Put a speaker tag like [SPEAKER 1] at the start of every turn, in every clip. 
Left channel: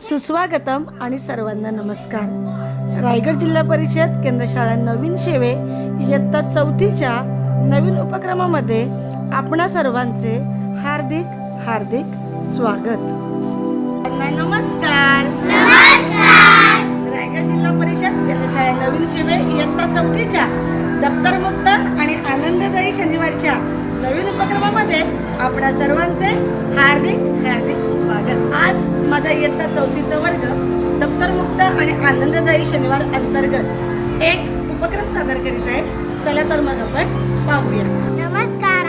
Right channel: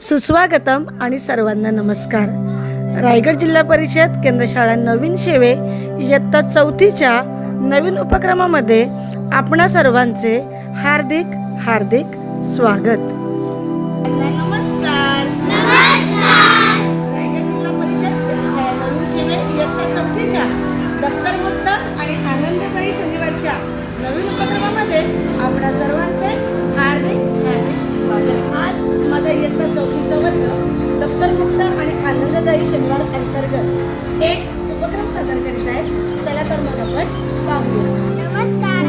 [SPEAKER 1] सुस्वागतम आणि सर्वांना नमस्कार. रायगड जिल्हा परिषद केंद्रशाळा नवीन शेवे इयत्ता चौथीच्या नवीन उपक्रमामध्ये आपणा सर्वांचे हार्दिक हार्दिक स्वागत. नमस्कार. रायगड जिल्हा परिषद केंद्रशाळा नवीन शेवे इयत्ता चौथीच्या दप्तर मुक्त आणि आनंददायी शनिवारच्या नवीन उपक्रमामध्ये आपणा सर्वांचे हार्दिक हार्दिक स्वागत आज माझा इयत्ता चौथीचा वर्ग दप्तरमुक्त आणि आनंददायी शनिवार अंतर्गत एक उपक्रम सादर करीत आहे. चला तर मग आपण पाहूया.
[SPEAKER 2] नमस्कार.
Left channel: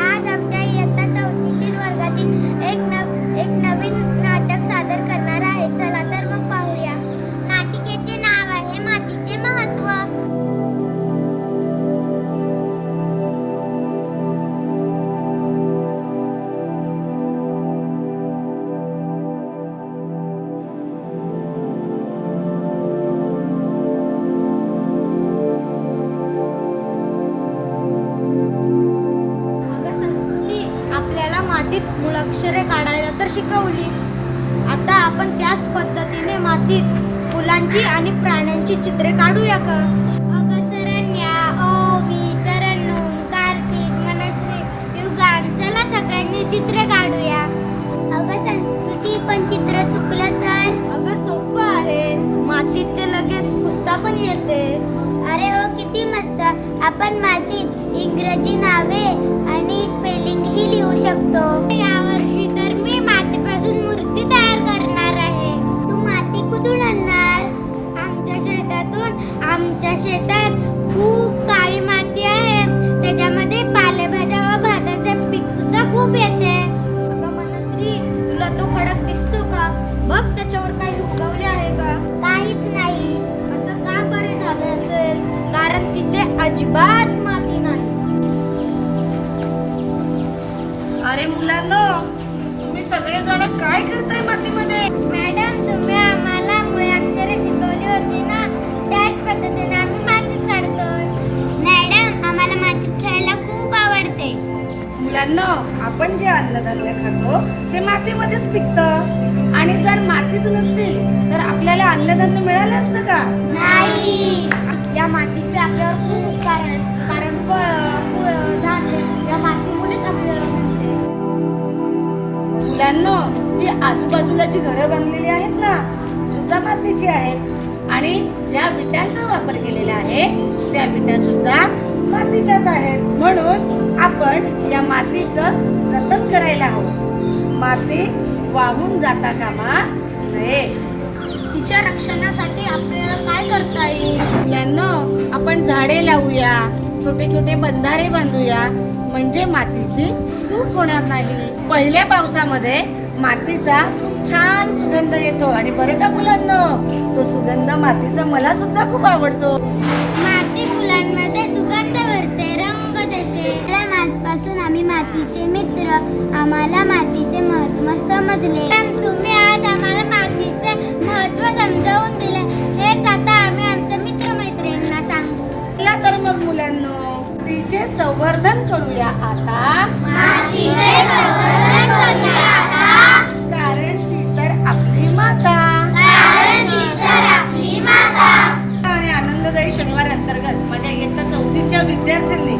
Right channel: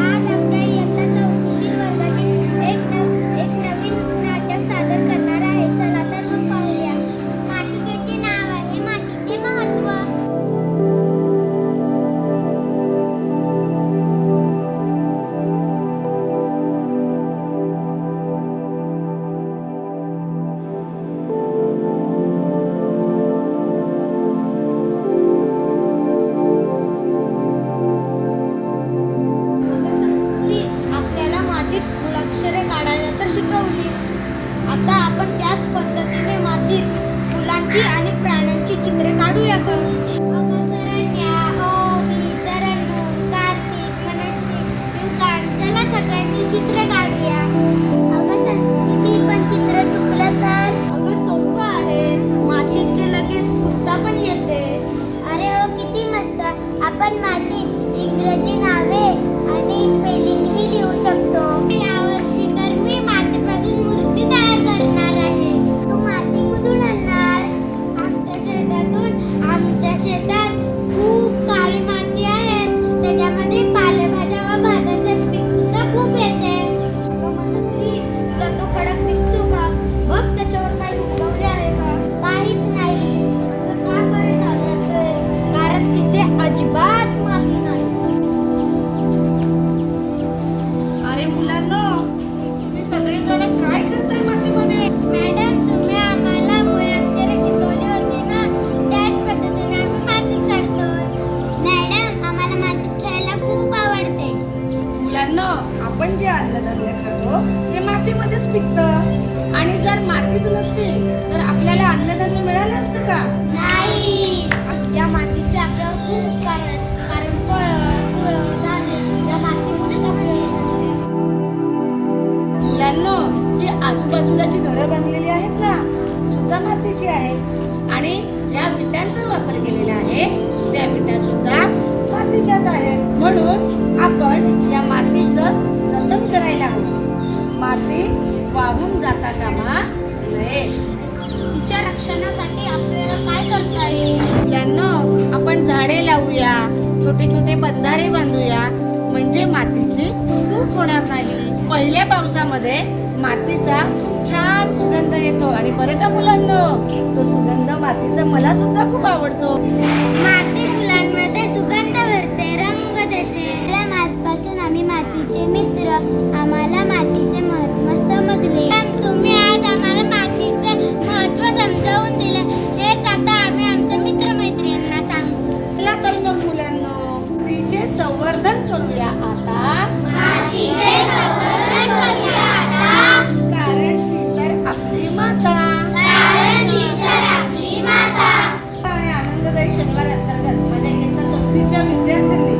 [SPEAKER 2] मुळाक्षरे काढायला तर शिकवली. आता आपण त्याच पद्धतीने मातीत फुलांची आणि प्राण्यांची चित्रे काढूया का? अगं सरण्या ओवी तरन्नुम कार्तिक मनश्री युगान चला सगळ्यांनी चित्र काढूया. अगं संस्कृती पण चित्र चुकलं तर? अगं सोपं आहे. मातीत ते लगेच पुसता पण येते. अरे हो किती मस्त. आपण मातीत इंग्रजी नावे आणि स्पेलिंग ही लिहू शकतो.
[SPEAKER 1] अरे मुलांनो तुम्ही सगळेजण काय करताय मातीमध्ये?
[SPEAKER 2] मॅडम तुम्ही आम्हाला मुळे अक्षरे शिकवली होती ना त्याच पद्धतीने आम्ही मातीत काढतोय. मॅडम आम्हाला मातीत खेळायला खूप आवडते.
[SPEAKER 1] मुलांना आपण जे अन्नधान्य खातो ते मातीमध्येच पिकतं. आणि जर मातीच नसतील तर आपल्याला अन्नधान्य मिळालं असतं का?
[SPEAKER 2] नाही. या मातीचे आपल्यावर खूप उपकार आहेत. कारण फळ फुलं धान्य या मातीमुळेच
[SPEAKER 1] मुलांना ही आजूबाजूला जी घरं बांधलेली आहेत ना सुद्धा मातीची आहेत. आणि ज्या विटांचा वापर केलेला आहे त्या विटा सुद्धा मातीच्याच आहेत. म्हणून आपण या मातीचं जतन करायला हवं. माती वाहून जाता कामा नये.
[SPEAKER 2] तिच्या रक्षणासाठी आपल्याला काय करता येईल?
[SPEAKER 1] यांना आपण झाडे लावूया छोटे छोटे बंधारे बांधूया. म्हणजे मातीची धूप होणार नाही. पहिल्या पावसामध्ये मातीचा छान सुगंध येतो आणि बरे का मुलांना? तो सुगंध मातीचा मला सुद्धा खूप आवडतो.
[SPEAKER 2] माती फुलांमध्ये सुगंध भरते रंग देते. या मातीपासून आम्ही मातीचे मित्र आम्हाला मातीचे महत्त्व समजले. तुम्ही आज आम्हाला मातीचे महत्त्व समजावून
[SPEAKER 1] आनंददायी शनिवार अंतर्गत. म्हणजे माझ्या इयत्ता चौथीच्या विद्यार्थ्यांनी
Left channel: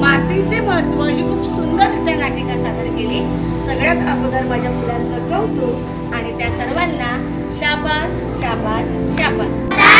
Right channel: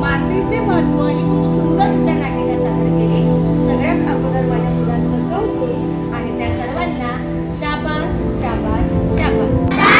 [SPEAKER 1] मातीचे महत्त्व ही खूप सुंदररित्या नाटिका सादर केली. सगळ्यात अगोदर माझ्या मुलांचं कौतुक आणि त्या सर्वांना शाबास शाबास शाबास.